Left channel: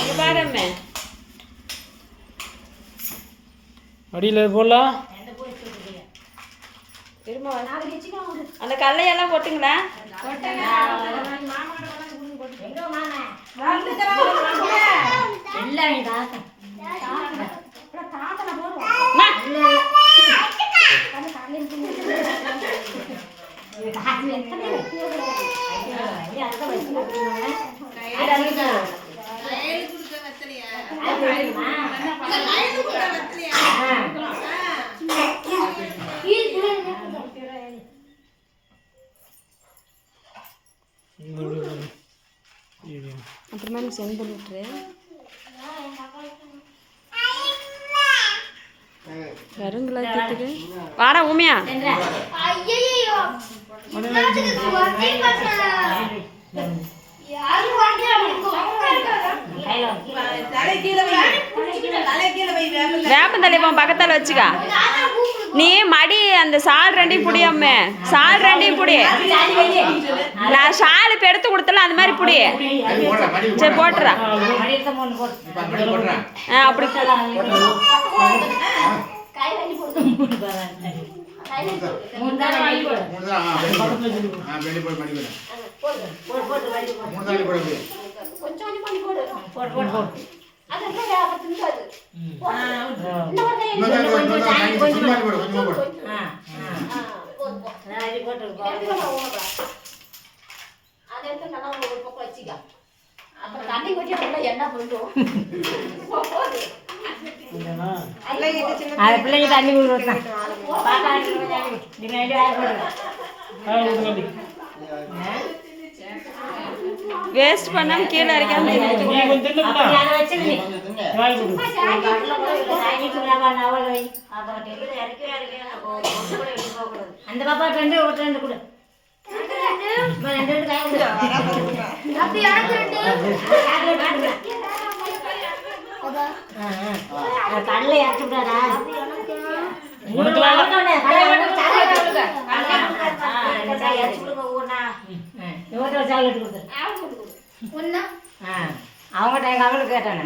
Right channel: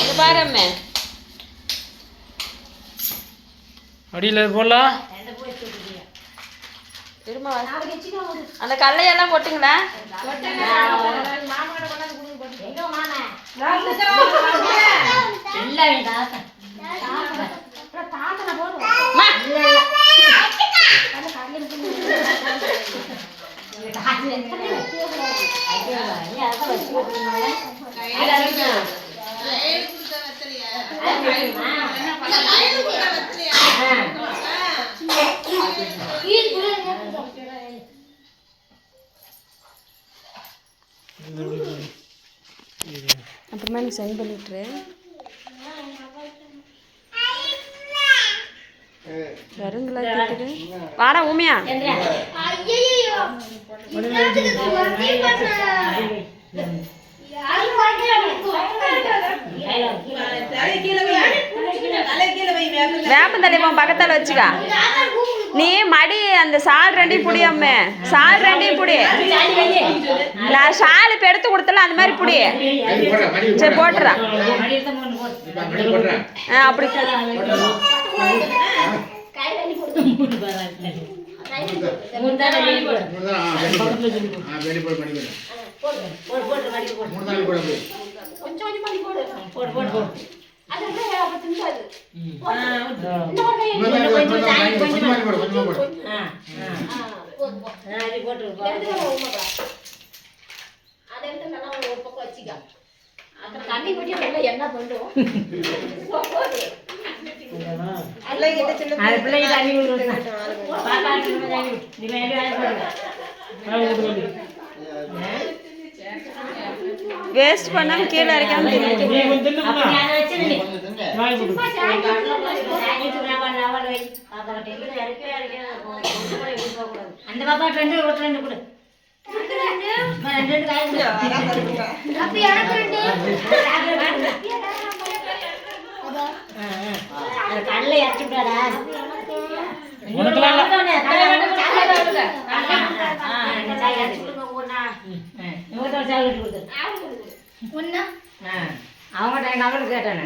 இங்க பாருமே அடியில் போடலாம். திரும்ப அந்த கல்லையெல்லாம் போட்டுங்களா? அப்புறமா எனக்கு சென்ட் பண்ணிட்டுரு. வருங்களா கேட்டுது. வாடா ஊமையா. வேப்பந்தலைவன் பக்கத்தால் வச்சுக்கா. நீ மடி அந்த சால் ரெண்டையும் புடியாமே, சால் ரெண்டையும் புடி. நான் ஷால் இப்போ எடுத்து கொடுத்தல அந்த மாதிரி புடி. சரி போட்டுறா. அப்படி வேஸ்ட் பண்ணாம கீழே இருக்கான்னு அந்த பாப்பா ரெண்டு கொடு. கடலை இறச்சி விடாடா. அவங்க அவளுக்கு கேட்டானே